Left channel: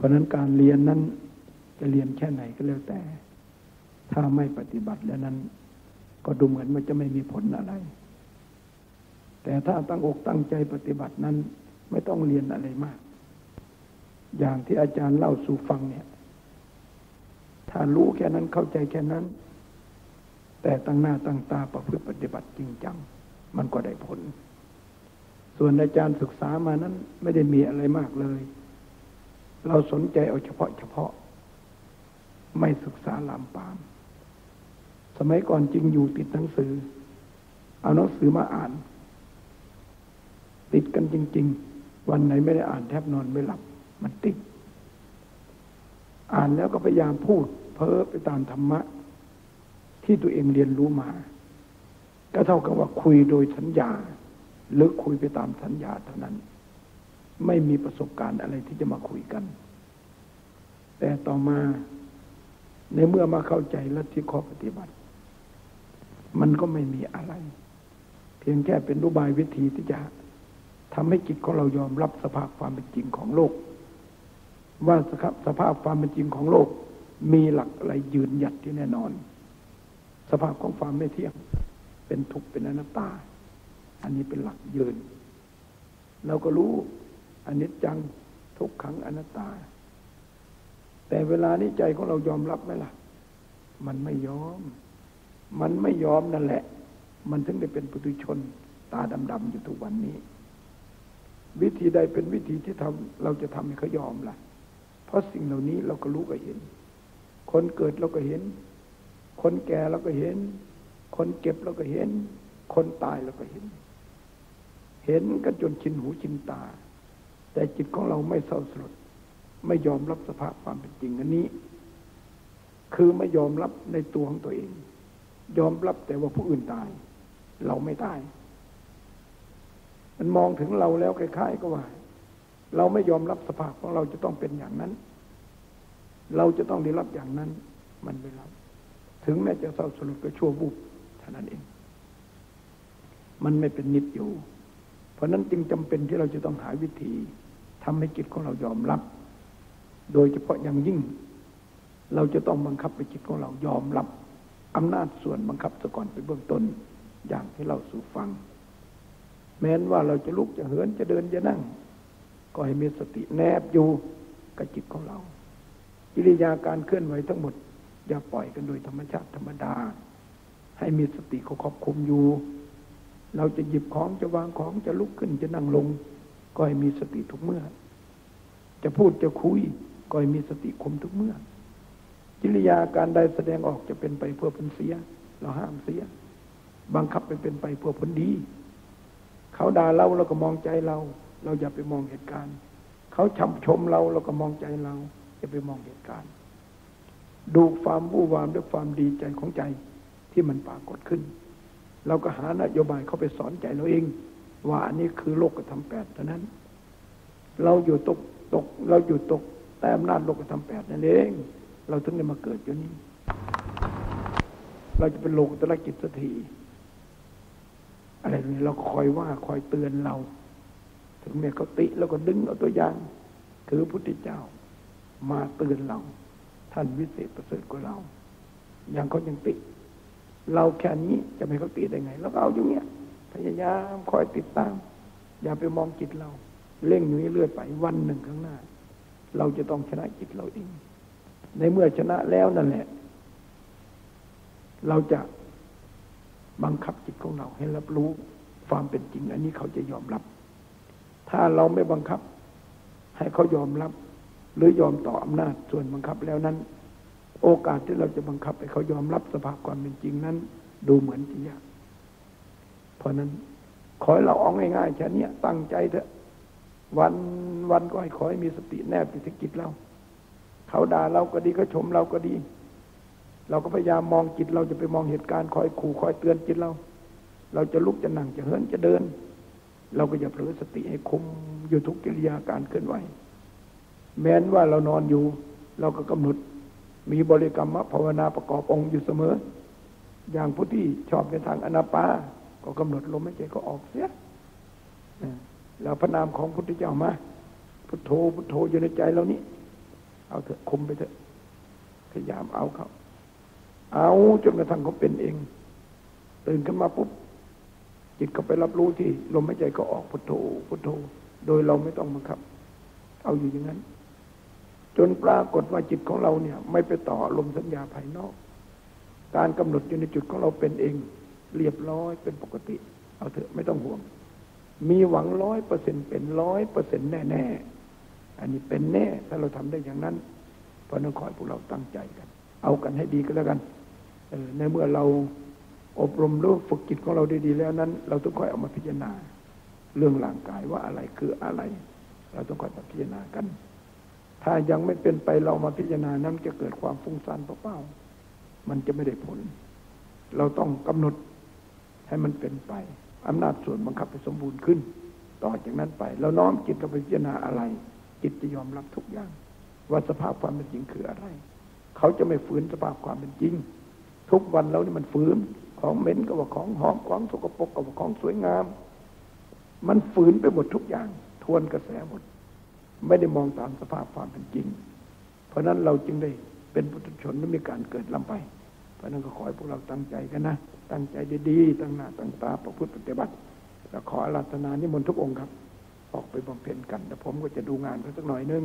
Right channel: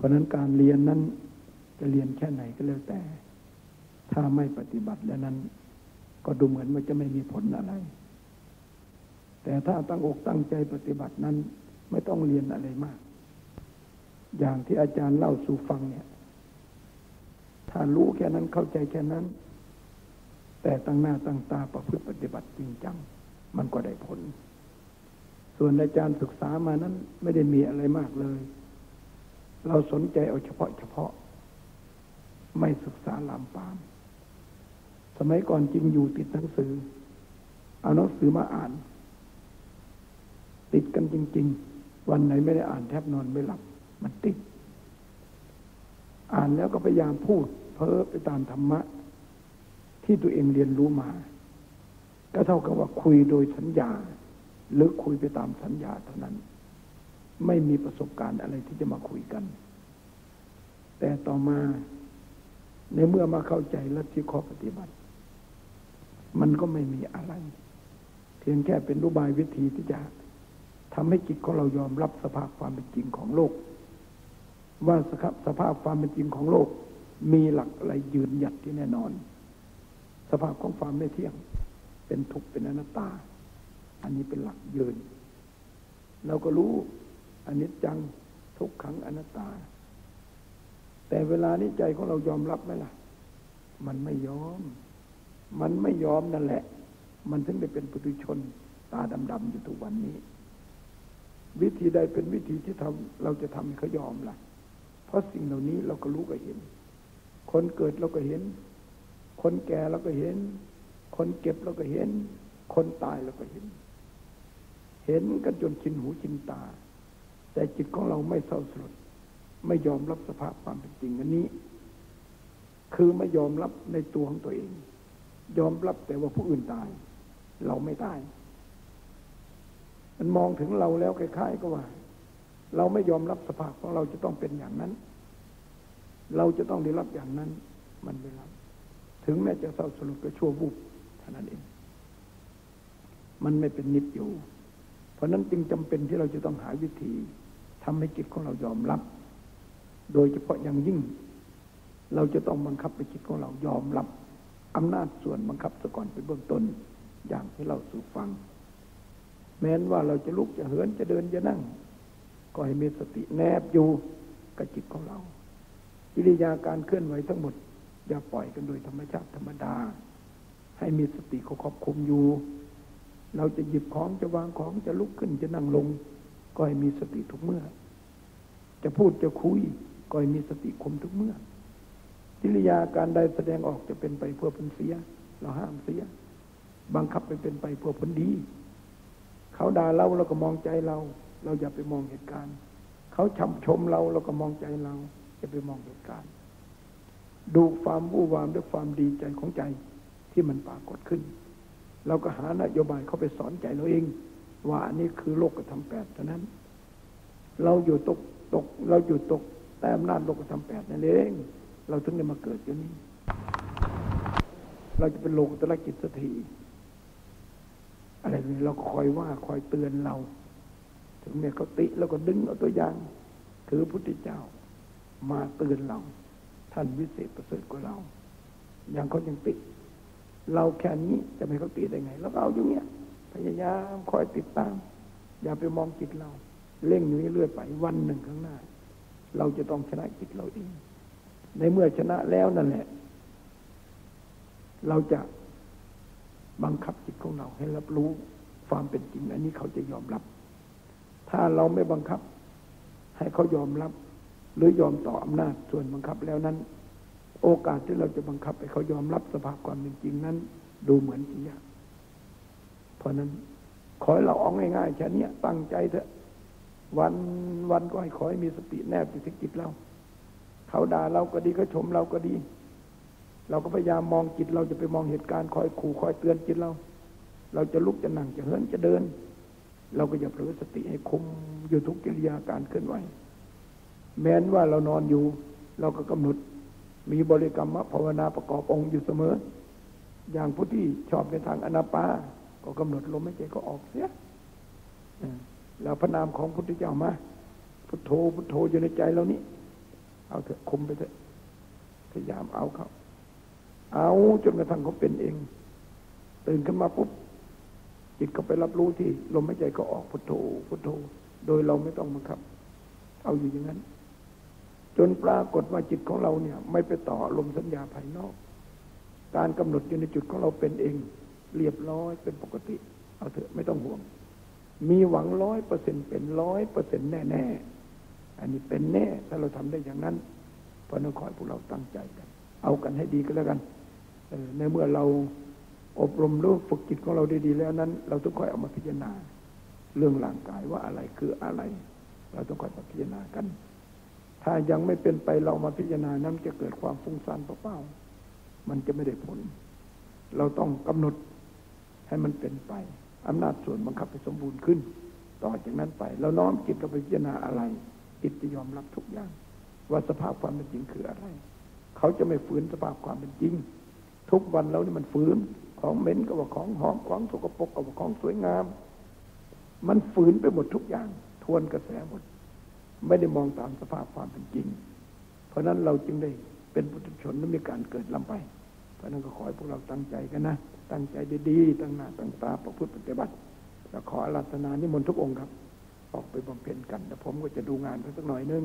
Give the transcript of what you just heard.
เพราะนั้นการเรียนนั้นจะเรียนแค่ไหนก็แล้วแต่ ถ้าไม่ปฏิบัติแล้วนั้น ก็ดูเหมือนมันจะไม่มีผลอะไร แต่ถ้าตั้งอกตั้งใจปฏิบัตินั้น ไม่ต้องเรียนอะไรมาก อย่างที่อาจารย์เล่าสู่ฟังเนี่ย ถ้ารู้แค่นั้นเข้าใจแค่นั้น แต่ตั้งหน้าตั้งตาประพฤติปฏิบัติจริงจัง มันก็ได้ผล ส่วนอาจารย์ศึกษามานั้นไม่ได้มีอะไรมากเลย เราสนใจเอาเฉพาะเฉพาะ ไม่ศึกษาลามปาม สมัยก่อนจริงอยู่ติดหนังสือ เอาหนังสือมาอ่าน ติดกันจริง ๆ วันไหนไม่ได้อ่านแทบนอนไม่หลับ มันติด อ่านแล้วก็พยายามพูด เพ้อไปตามธรรมะ ที่ตัวเองเรียนรู้มา ก็เท่ากับว่าคุยโดยสัญญา หรือคุยไปตามสัญญาเท่านั้น ไม่มีประสบการณ์อะไรที่จะมาคุยกัน แต่ต่อมาในเมื่อมาเข้าใจและที่ข้อปฏิบัติ มันก็ไม่มีอะไร เพียงแค่เป็นรูบายวิธีที่จะทำให้จิตของเรายอมรับสภาพความเป็นจริงของโลก ว่าสภาพความเป็นจริงของโลก มีหลักอะไรยืนหยัดที่แน่นอน สภาพของความไม่เที่ยง เป็นทุกข์เป็นอนัตตา อันนี้เป็นหลักยืนเราก็รู้ อันนี้จังทุกขังอนัตตา แต่เวลานี้ใจของเรายอมรับไหมล่ะ มันไม่ยอม มันไม่ยอมนั่นแหละ มันถึงได้เป็นปุถุชน ตาดำๆอยู่ทุกวันนี้ วิธีใดเป็นวิธีที่ทำเราจะทำให้เขายอมล่ะ เพราะสิ่งเหล่านี้เราก็รู้ก็เห็น คนเกิดเราก็เห็น คนแก่เราก็เห็น คนเจ็บเราก็เห็น คนตายเราก็เห็น เห็นกันจนชินหูชินตา แต่จิตของเราไม่เศร้าสลดไม่ยอมรับสภาพความเป็นจริงอันนี้ คือไม่ยอมรับในตัวของตัวเอง ยอมรับแต่ว่าผู้อื่นตาย เราไม่ตาย มันมองถึงเราแล้วคล้ายๆก็ว่า เราไม่ยอมรับสภาพของเราจะต้องเป็นอย่างนั้น เราจะต้องได้รับอย่างนั้น มันไม่รับถึงแม้จะเศร้าสลดก็ชั่วบุบเท่านั้นเองมันไม่เป็นนิจอยู่ ราะนั้นจึงจำเป็นที่เราจะต้องหาวิธีทำให้จิตของเรายอมรับ โดยเฉพาะอย่างยิ่ง เราจะต้องบังคับไปจิตของเรายอมรับอำนาจส่วนบังคับซะก่อนเป็นเบื้องต้นอย่างที่เราสู่ฟัง แม้นว่าเราจะลุกจะเหินจะเดินจะนั่ง ก็ให้มีสติแนบอยู่กับจิตของเราอิริยาการเคลื่อนไหวทั้งหมด อย่าปล่อยกันโดยธรรมชาติธรรมดา ให้มีสติเขาควบคุมอยู่ เราจะหยิบของจะวางของจะลุกขึ้นจะนั่งลง ก็ให้มีสติทุกเมื่อ จะพูดจะคุย ก็ให้มีสติคุมทุกเมื่อ กิริยาการใดแสดงออกจะเป็นไปเพื่อผลเสีย เราห้ามเสีย บังคับไปเป็นไปเพื่อผลดี เขาด่าเราเราก็มองใจเรา เราอย่าไปมองเหตุการณ์ เขาชมชมเราเราก็มองใจเราอย่าไปมองเหตุการณ์ ดูความวู่วามด้วยความดีใจของใจที่มันปรากฏขึ้น เราก็หานโยบายเข้าไปสอนใจเราเอง ว่าอันนี้คือโลกธรรมแปดเท่านั้น เราอยู่ตกตก เราอยู่ตกแต่อำนาจโลกธรรมแปดนั่นเอง เราถึงได้มาเกิดอยู่นี้ เราจะเป็นโลกตระกิจสักทีอะไรนี้เราคอยว่าคอยเตือนเรา ถึงแม้เขาติแล้วก็ดึงเอาตัวอย่าง คือพระพุทธเจ้า มาเตือนเรา ท่านวิเศษประเสริฐกว่าเรา อย่างเขายังติ เราแค่นี้จะไม่เขาติได้ไง แล้วก็เอาอยู่เนี้ยพยายามคอยติดตาม อย่าไปมองจิตเรา เร่งนี้เลื่อยไปวันหนึ่งข้างหน้า เราจะต้องชนะจิตเราเอง ในเมื่อชนะแล้วนั่นแหละ เราจะบังคับจิตของเราให้รับรู้ความเป็นจริง อันนี้เขาจะยอมรับ ถ้าเราไม่บังคับ ให้เขายอมรับ หรือยอมต่ออำนาจส่วนบังคับแล้วนั้น โอกาสที่เราจะบังคับให้เขายอมรับสภาพความเป็นจริงนั้น ดูเหมือนที่ยากเพราะนั้นขอให้เราเอาง่ายๆแค่นี้ตั้งใจเถอะ วันวันก็ให้ขอให้มีสติแนบติดจิตเรา เขาด่าเราก็ดีเขาชมเราก็ดี เราก็พยายามมองจิตเราจะไปมองเหตุการณ์คอยขู่คอยเตือนจิตเรา เราจะลุกจะนั่งจะเหินจะเดิน เราก็อย่าเผลอสติให้คุมอยู่ทุกกิริยาการเคลื่อนไหวแม้นว่าเรานอนอยู่ เราก็กำหนด มีบริกรรมภาวนาประกอบองค์อยู่เสมอ อย่างผู้ที่ชอบในทางอนาปา ก็กำหนดลมหายใจก็ออกเสียแล้วพระนามของพุทธเจ้ามา พุทโธพุทโธอยู่ในใจเรานี้ เอาเถอะคุมไปเถอะพยายามเอาเขาเอาจนกระทั่งเขาเป็นเองตื่นขึ้นมาปุ๊บจิตก็ไปรับรู้ที่ลมหายใจก็ออกพุทโธพุทโธ โดยเราไม่ต้องบังคับ เอาอยู่อย่างนั้น จนปรากฏว่าจิตของเราเนี่ย ไม่ไปต่อลมสัญญาภายนอก การกำหนดอยู่ในจุดของเราเป็นเอง เรียบร้อยเป็นปกติ เอาเถอะไม่ต้องห่วง มีหวังร้อยเปอร์เซ็นเป็นร้อยเปอร์เซ็นแน่แน่ๆอันนี้เป็นแน่ ถ้าเราทำได้อย่างนั้นพราะนักขอให้พวกเราตั้งใจกัน เอากันให้ดีก็แล้วกันในเมื่อเราอบรมรู้ฝึกจิตของเราได้ดีแล้วนั้น เราต้องค่อยเอามาพิจารณา เรื่องร่างกายว่าอะไรคืออะไร เราต้องค่อยมาพิจารณากัน ถ้ายังไม่เป็นไปเรามาพิจารณานั้นจะเกิดความฟุ้งซ่านเปล่าๆมันจะไม่ได้ผล เราต้องกำหนดให้มันเป็นไปอำนาจส่วนบังคับให้สมบูรณ์ขึ้น ต่อจากนั้นไป เราน้อมจิตเราไปพิจารณาอะไร จิตจะยอมรับทุกอย่าง ว่าสภาพความเป็นจริงคืออะไร เขาจะไม่ฝืนสภาพความเป็นจริง ทุกวันเรานี่มันฝืนของเหม็นก็ว่าของหอมของสกปรกก็ว่าของสวยงาม มันฝืนไปหมดทุกอย่าง ทวนกระแสหมด ไม่ได้มองตามสภาพความเป็นจริง เพราะนั้นเราจึงได้เป็นปุถุชนและมีการเกิดลำไป เพราะนั้นก็ขอให้พวกเราตั้งใจกันนะ ตั้งใจดีๆ ตั้งหน้าตั้งตาประพฤติปฏิบัติแล้วขออาราธนานิมนต์ทุกองค์ครับ ออกไปบำเพ็ญกันแต่ผมก็จะดูงานเขาสักหน่อยนึง